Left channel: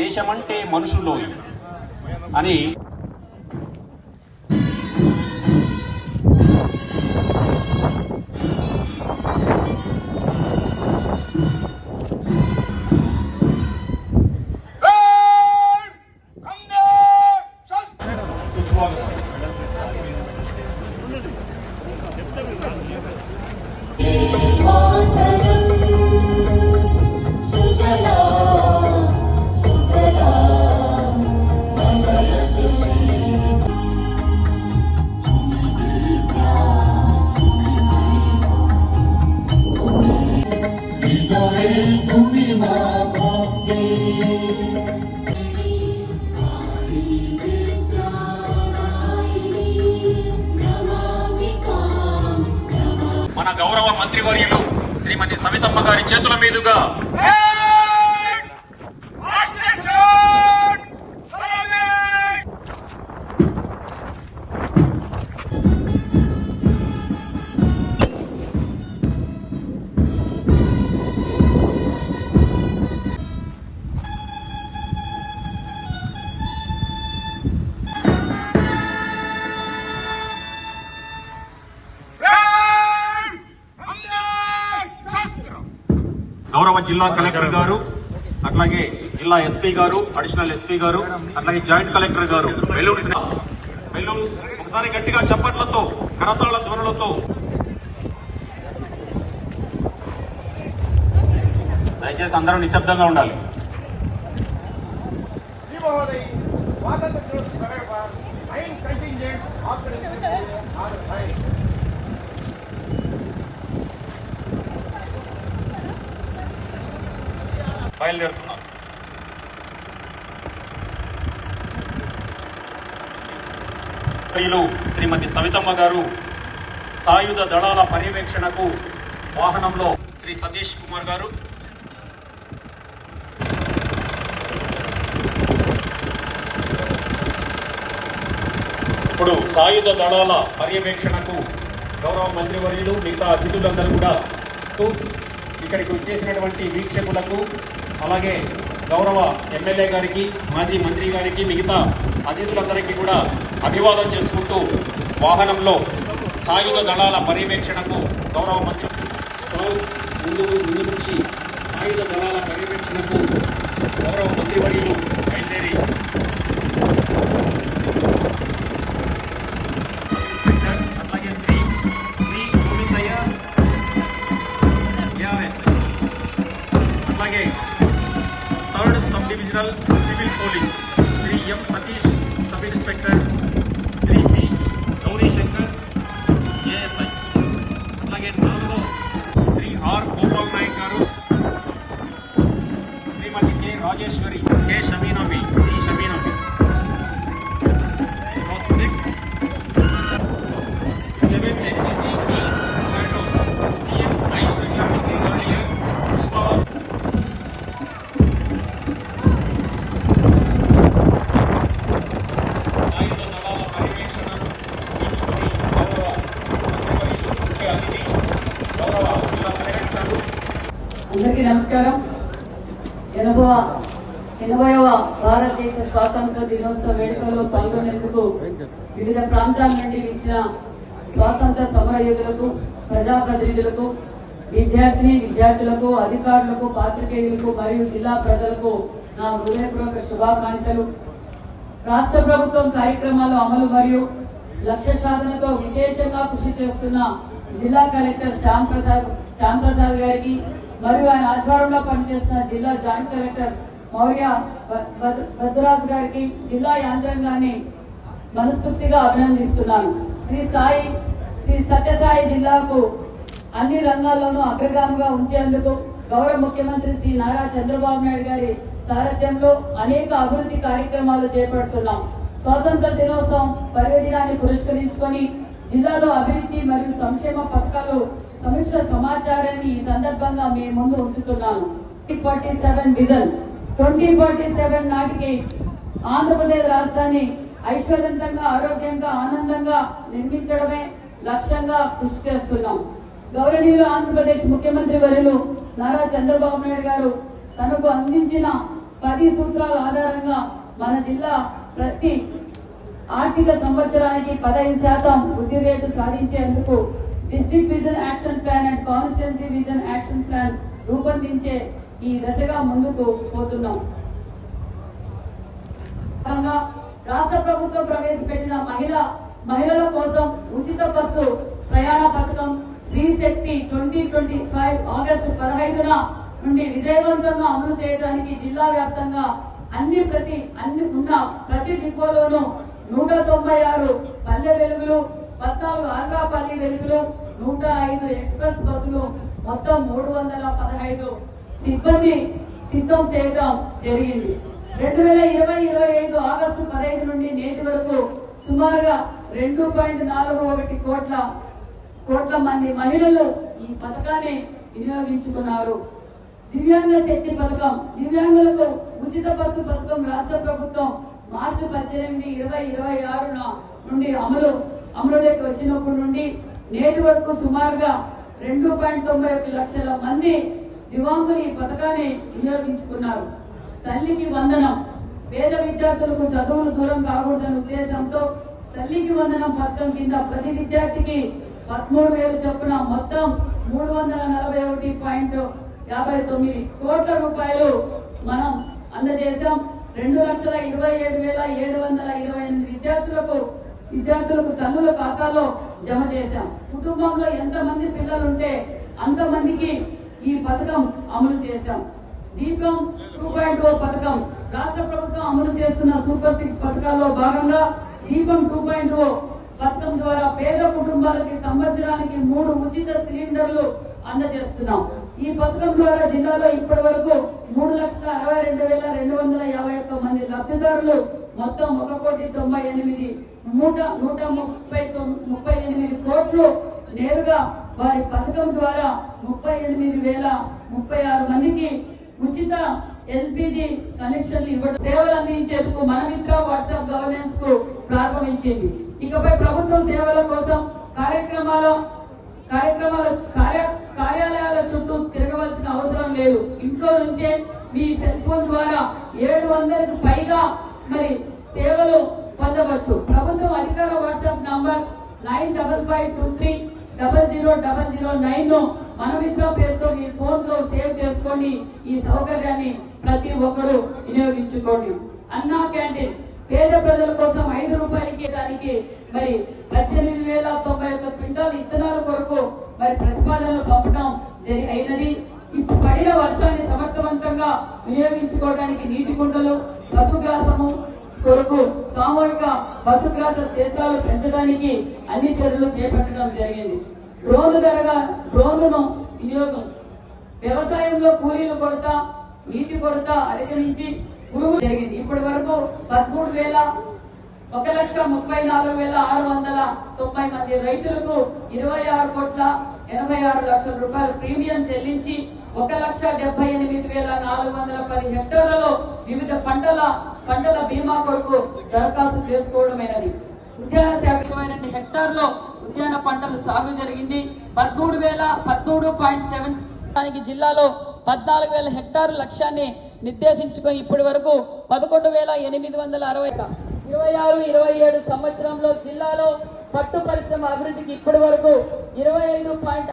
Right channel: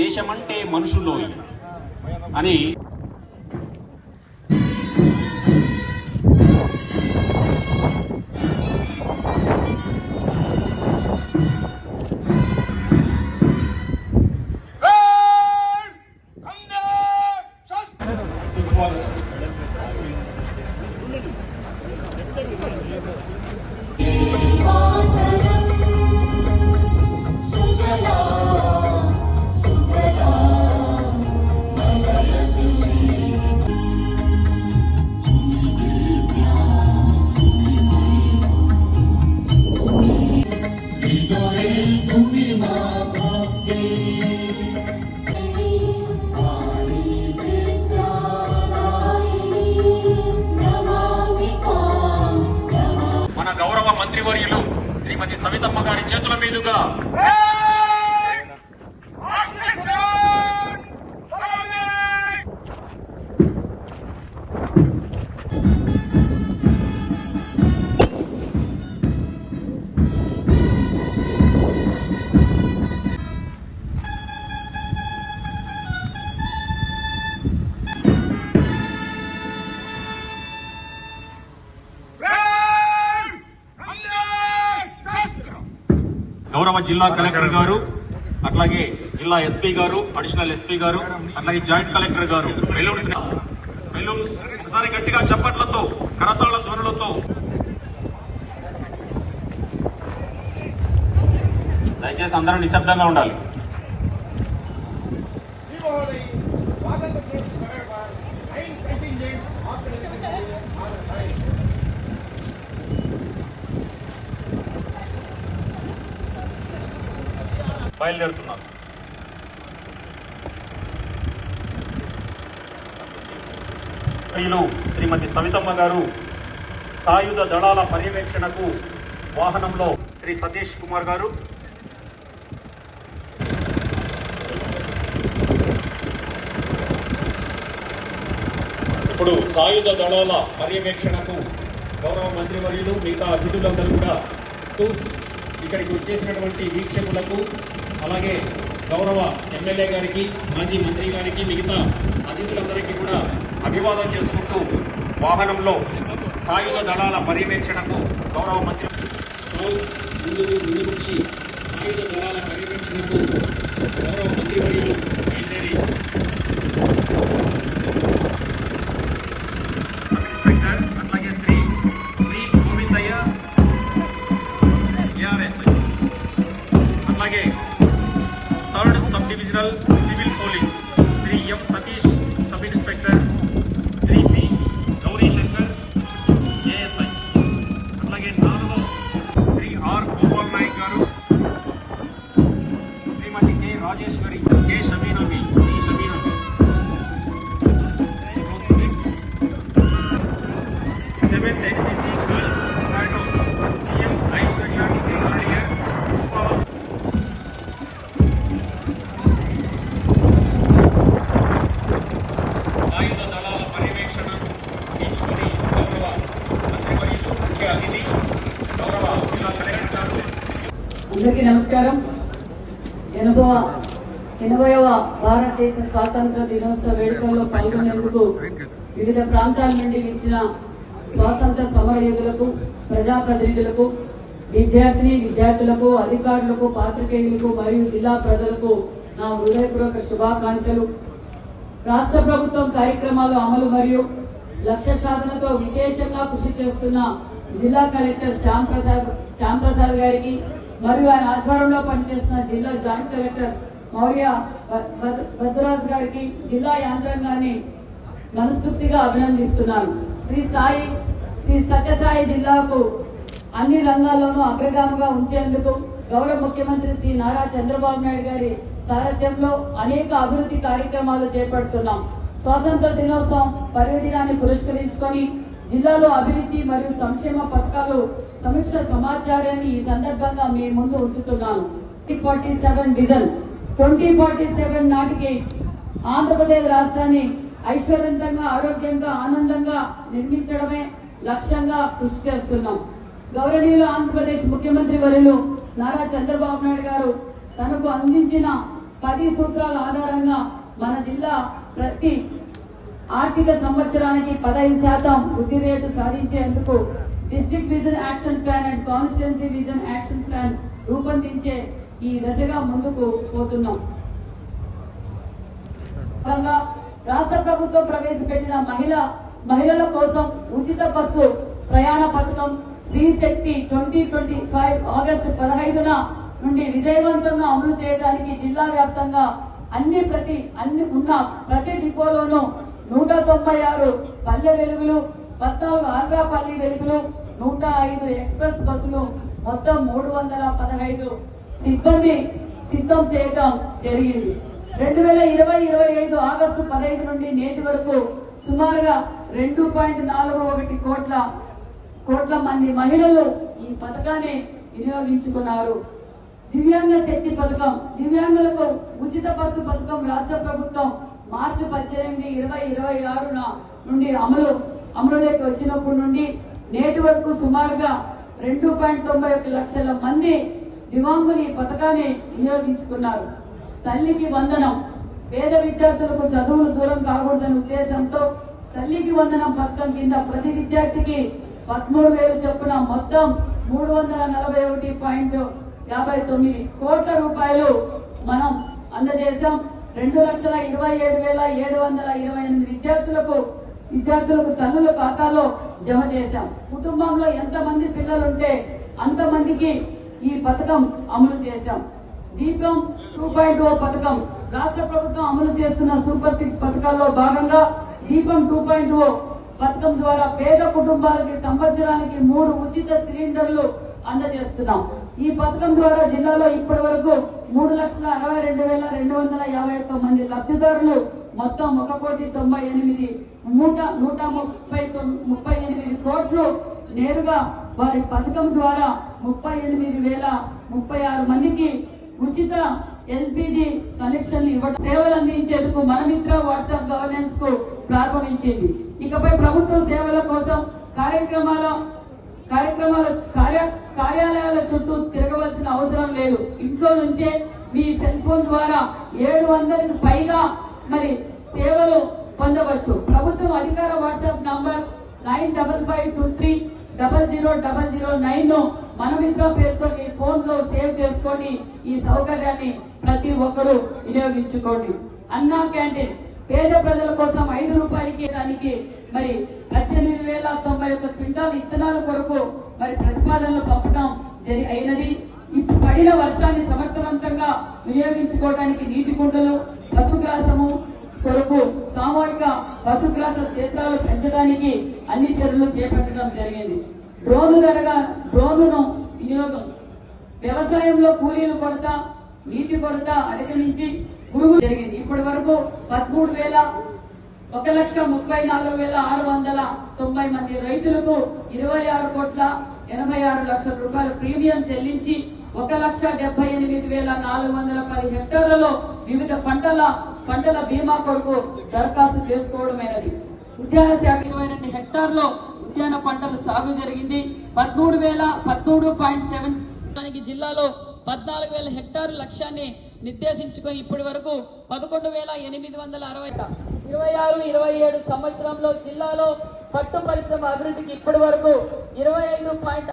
దేశమంటే మనుషులోయి అని మన గౌరవ మంత్రివర్యులు శ్రీమతి సవితమ్మ గారి చేతుల మీదుగా గౌరవ జిల్లా కలెక్టర్ గారు, అట్లాగే జిల్లా ఎస్పీ గారు, అడిషనల్ ఎస్పీ గారు, అట్లాగే జాయింట్ కలెక్టర్ గారు వెల్లూరు ఒకసారి గట్టిగా చప్పట్లతో కరతాళ ధ్వనులతో దయచేసి అందరూ నిశ్శబ్దంగా ఉండాలి. బయలుదేరుతున్నాం. శ్రీమతి సవితమ్మ గారు సాయుధ దళాల పర్యవేక్షణకు వాహనంలో శ్రీ సతీష్ కుమార్ గారు, ఇప్పుడు సాయుధ దళాల పర్యవేక్షణకు గౌరవ మంత్రివర్యులు మిగతా అతిథులందరూ కూడా ఇక్కడికి వచ్చేసినటువంటి వీక్షకులకు, అలాగే గౌరవ ఎమ్మెల్యే గారికి, మాజీ మంత్రి గారికి, మిగతా అతిథులందరికీ కూడా అభివాదం చేసుకుంటూ వాహనంలో సాయుధ దళాల పర్యవేక్షణకు గౌరవ మంత్రి స్టాల్స్ ముందు నుంచి సాయుధ దళాల పర్యవేక్షణకు గౌరవ మంత్రివర్యులు బయలుదేరి అందరికీ నమస్కారం. 80వ భారతదేశ స్వాతంత్ర దినోత్సవ వేడుకల్లో పాల్గొనేందుకు వివిధ ప్రాంతాల నుండి ఇచ్చిన స్వాతంత్ర సమరయోధులకు, ప్రజాప్రతినిధులకు, విద్యార్థులకు, అధికారులకు, పాత్రికేయులకు మరియు జిల్లా ప్రజలకు నా హృదయపూర్వక శుభాకాంక్షలు. రాష్ట్ర ప్రభుత్వం కార్యక్రమాల అమలు మరియు లక్ష్య సాధనతో విశేషంగా కృషి చేస్తున్న జిల్లా కలెక్టర్ శ్యామ్ ప్రసాద్ గారికి మరియు ఆయన ఆధ్వర్యంలో పనిచేస్తున్న జిల్లా జాయింట్ కలెక్టర్ మౌర్య భద్రరాజ్ గారికి, జిల్లా యంత్రాంగాన్ని మనస్ఫూర్తిగా అభినందిస్తున్నాను. శ్రీ సత్యసాయి జిల్లాకు అన్ని రంగాల్లోనూ అగ్రగామిగా ఉంచేందుకు గౌరవ ముఖ్యమంత్రి శ్రీ నారా చంద్రబాబు నాయుడు గారి సారథ్యంలో అనేక అభివృద్ధి కార్యక్రమాలు చేపడుతున్నాం. స్వాతంత్ర దినోత్సవం పర్యటనాన్ని పురస్కరించుకొని జిల్లాలో అభివృద్ధి మరియు సంక్షేమ పథకాలు సమీక్ష సమాచారాన్ని ఈ సందర్భంగా మీ ముందు ఉంచుతున్నాను. 2047 విజన్ 2047 నాటికి ఆంధ్రప్రదేశ్ రాష్ట్రాన్ని ఐశ్వర్యవంతంగా, ఆరోగ్యంగా, ఆనందంగా నిర్మించడమే లక్ష్యంగా కృషి చేస్తున్నాం. గౌరవనీయులు ఆంధ్రప్రదేశ్ ముఖ్యమంత్రి వర్యులు నారా చంద్రబాబు నాయుడు గారు తనకు అందించిన 10 సూత్రాల ఆధారంగా మన జిల్లా ప్రతి ఆర్థిక సంవత్సరానికి 15% వృద్ధి రేటు సాధించేందుకు district vision action plan and constituency vision action plan రూపొందించే ఈ దశగా ముందుకు పోతున్నాం. రాష్ట్ర ప్రభుత్వం ప్రవేశపెట్టిన మహిళల కోసం ఉచిత బస్సు ప్రయాణ పథకం శ్రీ శక్తి 2025 ఆగస్టు 15న నుండి విజయవంతంగా అమలు చేయడానికి జిల్లా వ్యాప్తంగా ప్రతి డిపోలోనూ 196 పల్లె వెలుగులు, 14 ఆంధ్రా పల్లె వెలుగులు, 105 ఎక్స్ప్రెస్ బస్సులు, మొత్తం 315 సిబ్బంది సిద్ధం చేయడం జరిగింది. 2020-25 ఆగస్టు 15 నుండి నేటి వరకు సుమారుగా 2.41 కోట్ల మంది మహిళలు ఈ పథకాన్ని వినియోగించుకున్నారు. దివ్యాంగ శక్తి పథకం, దివ్యాంగులకు ఉచిత బస్సు పథకం రాష్ట్ర ప్రభుత్వం మార్చి 18, 2026 నుండి అమలులోకి వచ్చినప్పటి నుండి నేటి వరకు సుమారుగా 2.91 లక్షల మంది దివ్యాంగులు ఈ పథకాన్ని వినియోగించుకున్నారు. తల్లికి వందనం, పేద విద్యార్థులకు చదువులు దూరం కాకూడదనే ఉద్దేశంతో తల్లికి వందనం పథకం కింద ప్రతి విద్యార్థికి 13,000 చొప్పున మొత్తం 341.59 కోట్ల రూపాయలు మనం అందజేశాం. 2,27,728 విద్యార్థులకు తల్లుల ఖాతాలో జమ చేశాం. కుటుంబంలో ఎంతమంది పిల్లలుంటే అంతమందికి ఈ పథకం అమలు చేశాం. దీపం 2.0 పథకం, రాష్ట్ర ప్రభుత్వం అమలు చేస్తున్న సూపర్ 6 పథకాల్లో భాగంగా దీపం 2.0 పథకం ద్వారా పేద కుటుంబాలకి సంవత్సరానికి 3 ఉచిత సిలిండర్లు అందజేస్తున్నాం. ఈ పథకం ద్వారా జిల్లాలో ఇప్పటి వరకు 3,62,251 మంది లబ్ధిదారులు మొత్తం 1,98,138 కోట్లు నేరుగా వారి పథకం ద్వారా 38,036 మందికి ఉచిత ఎల్పీజీ కనెక్షన్లు ఇవ్వడం, సేవలు అందించేందుకు మనమిత్ర వాట్సాప్ గవర్నెన్స్ కు ప్రారంభించింది. ఇకపై ప్రభుత్వ సేవల కోసం కార్యాలయాల చుట్టూ తిరగవలసిన అవసరం లేదు. ఇంట్లో నుంచే మీ సెల్ ఫోన్ ద్వారా 700కి పైగా సేవలు పొందవచ్చు. ప్రభుత్వం అధికార వాట్సాప్ నంబర్ 9552300009 ను మనమిత్ర పేరుతో మీ ఫోన్ లో సేవ్ చేసుకోండి. ఈ సౌకర్యాన్ని ప్రతి ఒక్కరూ వినియోగించుకోండి. అన్నా క్యాంటీన్ పేద ప్రజల కోసం 5 రూపాయలకి దానికి 18,091 క్వింటాల్ ఇత్తనాల కొరకు ప్రతిపాదనలు పంపడం అయినది. ఇప్పుడు పడిన వర్షాన్ని సమర్థవంతంగా వినియోగించుకోవడానికి నీటి కుంటలు, పశుగ్రాసము కొరకు సామూహిక పశుగ్రాస క్షేత్రాలు పెంచడానికి అన్ని చర్యలు చేపట్టడం జరిగింది. డ్రోన్లను వినియోగం, వ్యవసాయంలో కూలీల కొరత, నీటి కొరత అధిగమించి పురుగు జరిగింది. ఇప్పటి వరకు 1,34,690 మంది రైతులకు 26,86,00,000 రూపాయల ప్రీమియం చెల్లించి 1,78,410 హెక్టార్లలో వివిధ పంటల బీమా కొరకు దరఖాస్తు చేసుకోవడమైనది. ఉద్యాన శాఖ 22 హెక్టార్లో ఉద్యాన పంటలు సాగు జరిగింది. 13.7 జిల్లాలో 14,000 హెక్టార్ల లక్ష్యాన్ని నిర్దేశించుకొని ఇప్పటి వరకు 11,860 26-27 సంవత్సరంలో జిల్లాలో పట్టు పరిశ్రమ అభివృద్ధికి ఇప్పటి వరకు 25.